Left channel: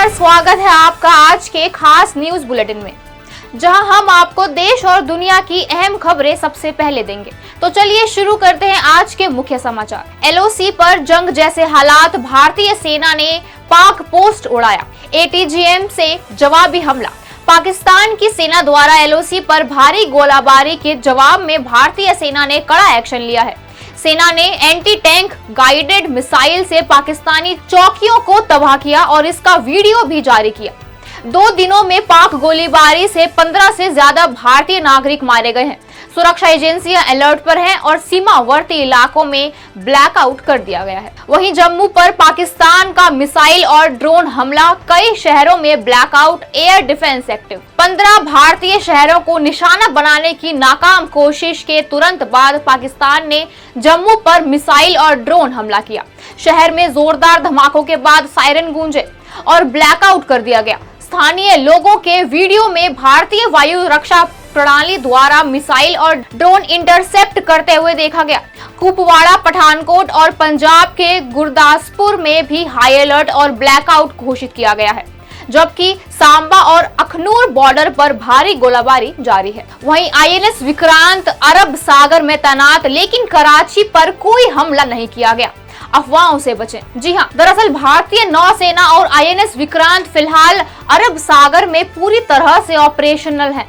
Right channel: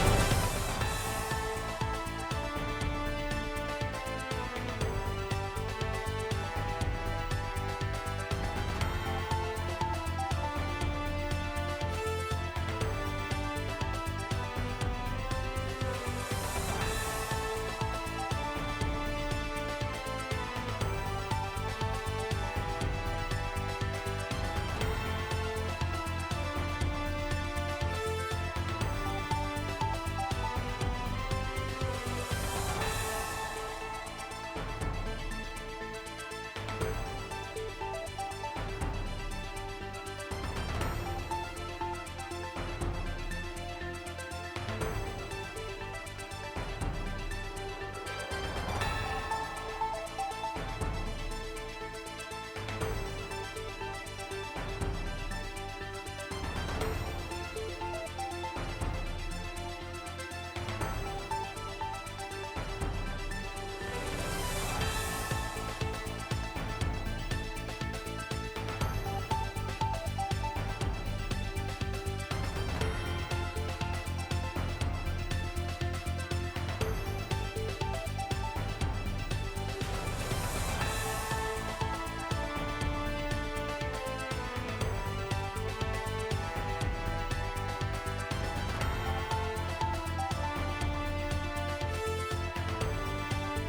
नमस्कार, स्वागत है आपका आज के खास न्यूज बुलेटिन में, जहां हम आपको देश और दुनिया की अहम खबरें सबसे पहले देंगे। तो चलिए शुरू करते हैं आज के मुख्य समाचार। एलओसी पर जंग जैसे हालात, भारतीय सेना ने पाक पोस्ट उड़ाया, एटीजीएम से जवाबी हमला। पाकिस्तान की सेना द्वारा एलओसी पर भारी गोलाबारी के जवाब में भारतीय सेना ने कड़ा एक्शन लिया है। सेना ने एंटी टैंक गाइडेड मिसाइल से पाकिस्तानी चौकियों को तबाह किया और इसका वीडियो भी जारी किया। 2 दिनों में पाक गोलीबारी से 15 से ज्यादा भारतीय नागरिक मारे गए हैं। सुरक्षा एजेंसियां अलर्ट पर हैं और सीमावर्ती इलाकों में ब्लैकआउट कर दिया गया है। वहीं जम्मू पर पाकिस्तान का मिसाइल और ड्रोन हमला, कई शहरों में ब्लैकआउट, एयर डिफेंस एक्टिव। 15 भारतीय शहरों को निशाना बनाने की नाकाम कोशिश के तुरंत बाद पाकिस्तान ने जम्मू पर मिसाइल और ड्रोन हमला किया। शहर में जोरदार धमाकों के बाद सायरन गूंजे और ब्लैकआउट कर दिया गया। स्थानीय लोगों के वीडियो में भारतीय वायु रक्षा प्रणाली द्वारा मिसाइल और ड्रोन इंटरसेप्ट करते हुए देखा गया। कुपवाड़ा, पठानकोट और पंजाब के गुरदासपुर में भी हाई अलर्ट और ब्लैकआउट घोषित किया गया है, जबकि सांबा और अखनूर बॉर्डर पर भारी गोलाबारी जारी है। वहीं आईएनएस विक्रांत अरब सागर में तैनात, लेकिन कराची पर कोई हमला नहीं किया गया। अफवाहों से बचें। जी हां, दरअसल भारतीय नौसेना और आईएनएस विक्रांत फिलहाल अरब सागर में पूरी तरह से ऑपरेशनल है,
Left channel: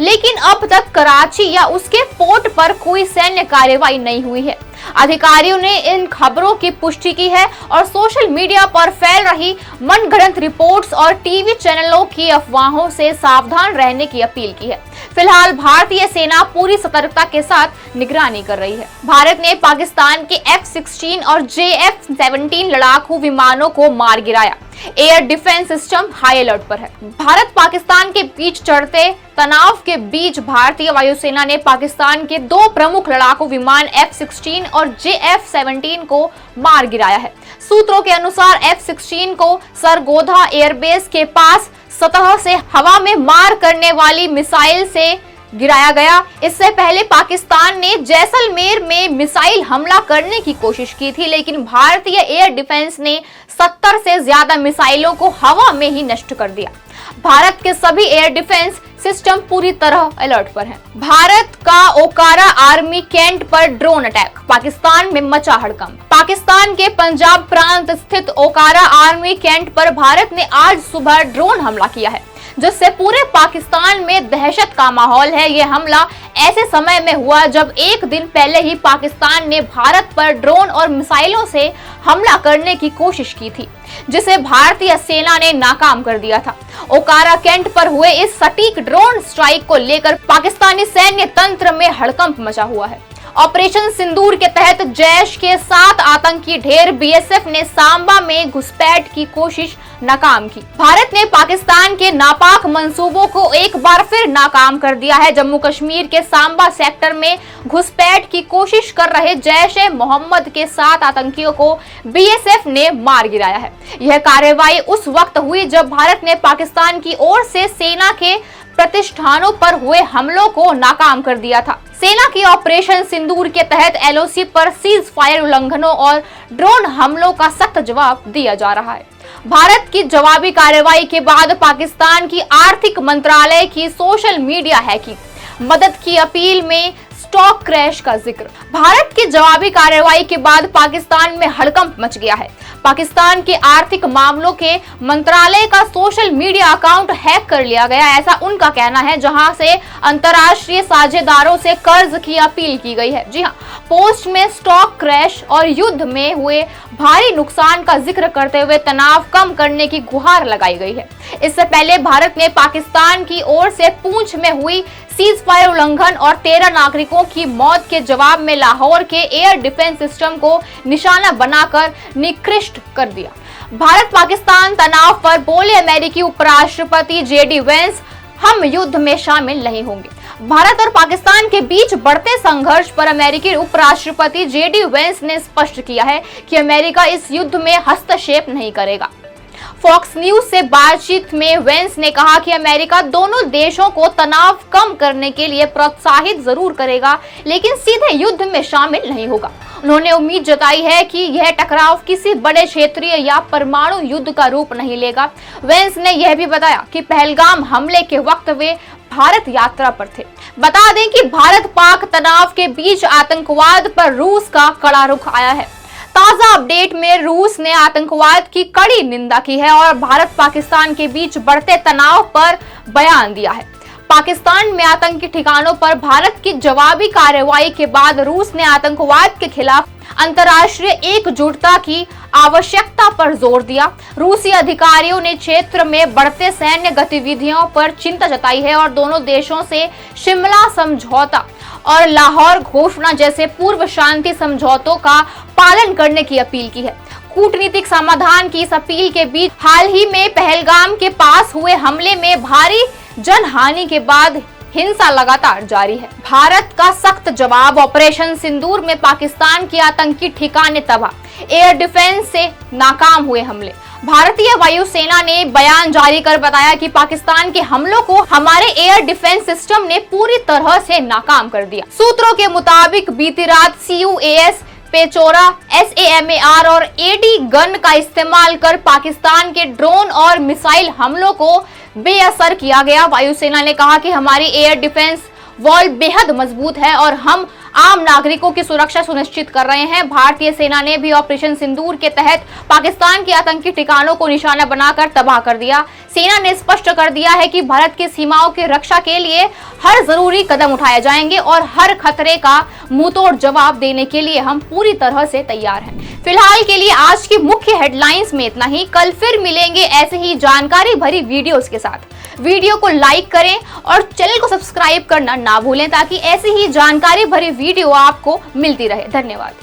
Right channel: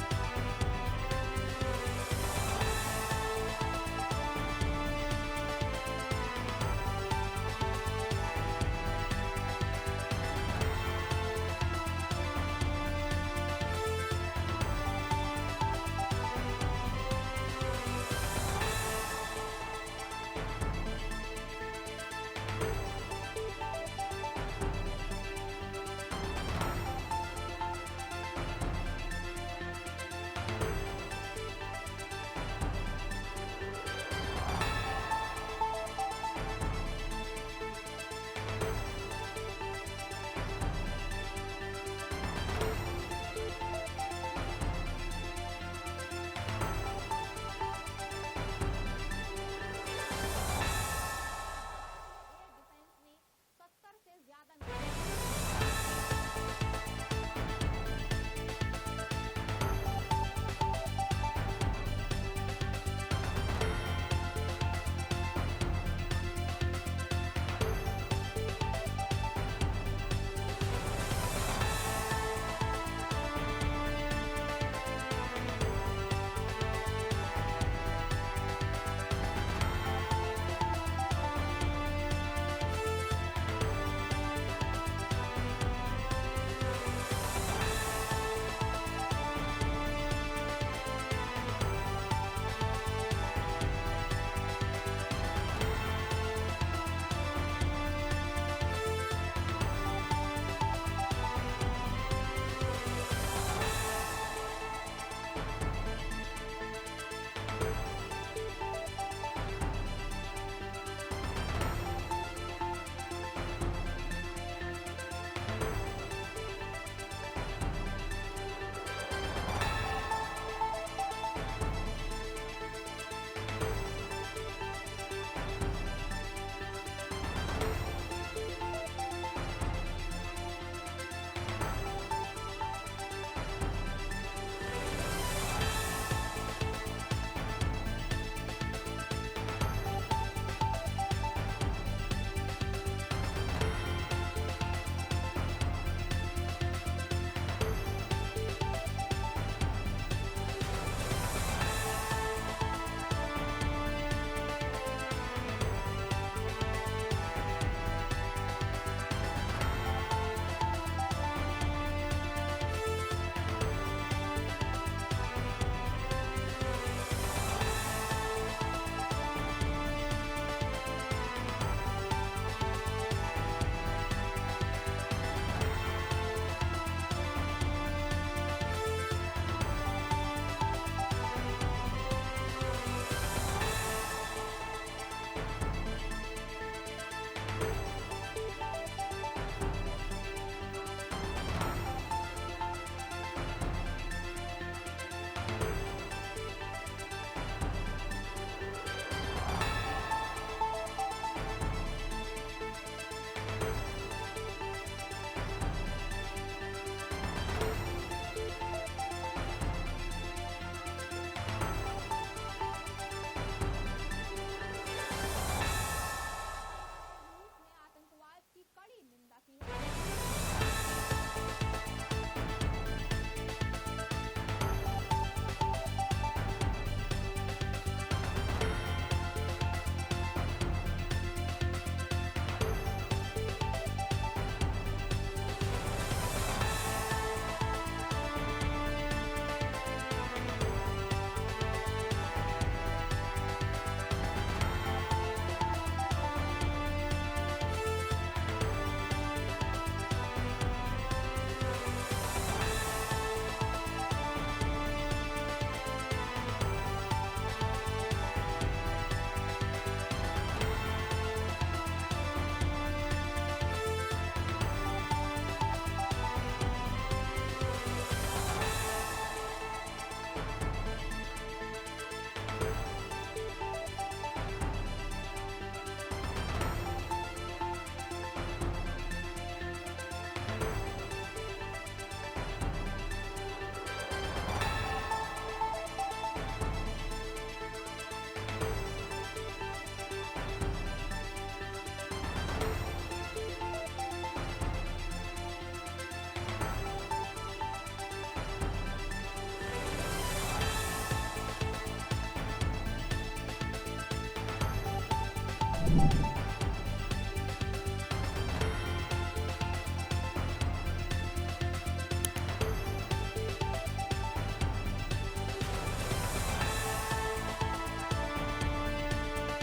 लेकिन अब तक कराची या उसके पोर्ट पर कोई सैन्य कार्रवाई नहीं हुई है। अधिकारियों ने इन खबरों की पुष्टि की है और सोशल मीडिया पर फैल रही मनगढ़ंत रिपोर्ट्स और टीवी चैनलों की अफवाहों से सावधान रहने की अपील की है। फिलहाल भारतीय सेना पूरी सतर्कता के साथ निगरानी कर रही है। भारत ने पाकिस्तान के F-16 और JF-17 लड़ाकू विमानों को मार गिराया। Air defence system high alert पर है। भारत पाकिस्तान के बीच चढ़ते तनाव के बीच भारतीय वायुसेना ने पाकिस्तान के 2 प्रमुख लड़ाकू विमान F-16 और JF-17 को मार गिराया है। सूत्रों के अनुसार F-16 को सरगोधा एयरबेस के पास सतह से हवा में मार करने वाली मिसाइल से गिराया गया। इससे पहले पाकिस्तान ने जैसलमेर में मिसाइल हमला करने की कोशिश की थी, लेकिन भारतीय एयर डिफेंस ने 70 से ज्यादा मिसाइलों को हवा में ही नष्ट कर दिया। भारत के सभी एयर डिफेंस सिस्टम पूरी तरह अलर्ट पर हैं। भारत का ओकारा आर्मी कैंट पर ड्रोन अटैक, पाकिस्तान में मचा हड़कंप। पाकिस्तान के पंजाब प्रांत स्थित ओकारा आर्मी कैंट पर भारत ने आज सुबह ड्रोन हमला किया है, जिससे पूरे पाकिस्तान में दहशत का माहौल है। यह हमला ऐसे समय में हुआ जब एक दिन पहले ही पाकिस्तान ने भारत पर ड्रोन और मिसाइलों से हमला करने की कोशिश की थी, जिसे भारतीय सेना ने नाकाम कर दिया था। ओकारा कैंट पर हुए इस सटीक ड्रोन स्ट्राइक को लेकर पाकिस्तानी सैन्य तंत्र में हड़कंप मचा हुआ है। ऑपरेशन सिंदूर के तहत जैश के 7 आतंकी ढेर बीएसएफ ने सांबा में घुसपैठ की कोशिश नाकाम की। भारत ने पाकिस्तान के नापाक मंसूबों को एक बार फिर नाकाम कर दिया है। जम्मू कश्मीर के सांबा सेक्टर में घुसपैठ की कोशिश कर रहे जैश-ए-मोहम्मद के 7 आतंकियों को बीएसएफ ने मार गिराया है। यह कार्रवाई उस वक्त हुई जब भारत ने पाकिस्तान की ओर से सेना के प्रतिष्ठानों पर हुए हमलों को नाकाम कर दिया था। सेना की ऑपरेशन सिंदूर के तहत एलओसी पर सीज फायर उल्लंघनों और ड्रोन हमलों का सख्त जवाब दिया जा रहा है। भारत की जवाबी कार्रवाई के बाद पाकिस्तान की आर्थिक मंत्रालय की सोशल मीडिया हैकिंग, मदद की अपील में स्टॉक क्रैश का जिक्र। भारत की जवाबी कार्रवाई के बाद पाकिस्तान में हड़कंप मच गया है। पाकिस्तान के आर्थिक मामलों के मंत्रालय का सोशल मीडिया अकाउंट हैक कर लिया गया, ऐसा उनका कहना है, जहां से अंतर्राष्ट्रीय साझेदारों से कर्ज की अपील की गई है। जी हां, पोस्ट में स्टॉक क्रैश और युद्ध में हुए भारी नुकसान का जिक्र करते हुए तनाव कम करने की गुहार लगाई गई है। इससे पहले भारत ने पाकिस्तान की ओर से पूंछ में हुई सीज फायर उल्लंघन और 13 नागरिकों की मौत के जवाब में लाहौर के एयर डिफेंस सिस्टम को निशाना बनाकर निकृष्ट कर दिया। भारत पाकिस्तान तनाव पर बोले अमेरिकी उपराष्ट्रपति जेडी वेंस, हम युद्ध में शामिल नहीं होंगे। भारत और पाकिस्तान के बीच बढ़ते संघर्ष पर अमेरिकी उपराष्ट्रपति जेडी वेंस ने स्पष्ट किया है कि अमेरिका इस युद्ध में हस्तक्षेप नहीं करेगा। फॉक्स न्यूज से बातचीत में वेंस ने कहा कि अमेरिका दोनों देशों को तनाव कम करने के लिए प्रोत्साहित जरूर करेगा, लेकिन सीधे युद्ध में शामिल नहीं होगा। उन्होंने उम्मीद जताई है कि यह टकराव किसी बड़े क्षेत्रीय या परमाणु युद्ध का रूप नहीं लेगा। वेंस ने यह भी बताया कि पहलगाम हमले के वक्त वे भारत यात्रा पर थे। बता दें कि भारत पाक तनाव के बीच आतंकवाद पर रूस का कड़ा रुख आया है। ताजा अपडेट में रूस ने आतंकवाद की कड़ी निंदा की है और भारत पाकिस्तान के बीच बढ़ते तनाव पर बयान दिया है। पाकिस्तान में आतंकी ठिकानों पर भारत की जवाबी कार्रवाई के बाद रूस ने आतंकवाद के खिलाफ अंतर्राष्ट्रीय एकजुटता की आवश्यकता पर जोर दिया। रूसी अधिकारियों ने क्षेत्र में बढ़ते सैन्य गतिविधियों पर चिंता जताई है और दोनों देशों से शिमला समझौता और लाहौर घोषणा जैसे पूर्व शांति समझौतों का पालन करने की अपील की है। कूटनीतिक समाधान की इस अपील के बीच हाल ही में पहलगाम के पास हुए हमले में भारी जनहानि के बाद हिंसा लगातार जारी है। भारत का सख्त जवाब। ऑपरेशन सिंदूर में पाकिस्तान की आतंकी ठिकाने तबाह। एयर डिफेंस से नाकाम हुए हमले। भारतीय वायुसेना ने बयान जारी कर बताया कि पाकिस्तान के हमलों को हमारे एयर डिफेंस सिस्टम ने पूरी तरह से नाकाम कर दिया। सूत्रों के मुताबिक बीती रात CUAS पेचोरा SAMAR और AD गन का इस्तेमाल कर पाकिस्तान के ड्रोन और मिसाइल हमलों को बेअसर किया गया। वायुसेना ने कहा कि हमारी एयर डिफेंस वॉल बेहद मजबूत है और हम आम नागरिकों की सुरक्षा सुनिश्चित कर रहे हैं। भारतीय सेना ने भी ऑपरेशन सिंदूर के तहत पाकिस्तान के आतंकी ठिकानों को निशाना बनाकर तबाह कर दिया। सेना ने स्पष्ट कर दिया है कि भारत की सीमाओं की रक्षा के लिए हर जरूरी कदम उठाए जाएंगे और हर खतरे का मुंहतोड़ जवाब देने के लिए हम पूरी तरह से तैयार हैं। फिलहाल के लिए आज की मुख्य हेडलाइंस में इतना ही। कल फिर मिलेंगे ऐसे ही जानकारी भरी वीडियोस के साथ। वीडियो को लाइक करें और चैनल को सब्सक्राइब करना ना भूलें ताकि ऐसी ही जानकारी भरी वीडियो आपको मिलती रहे। धन्यवाद।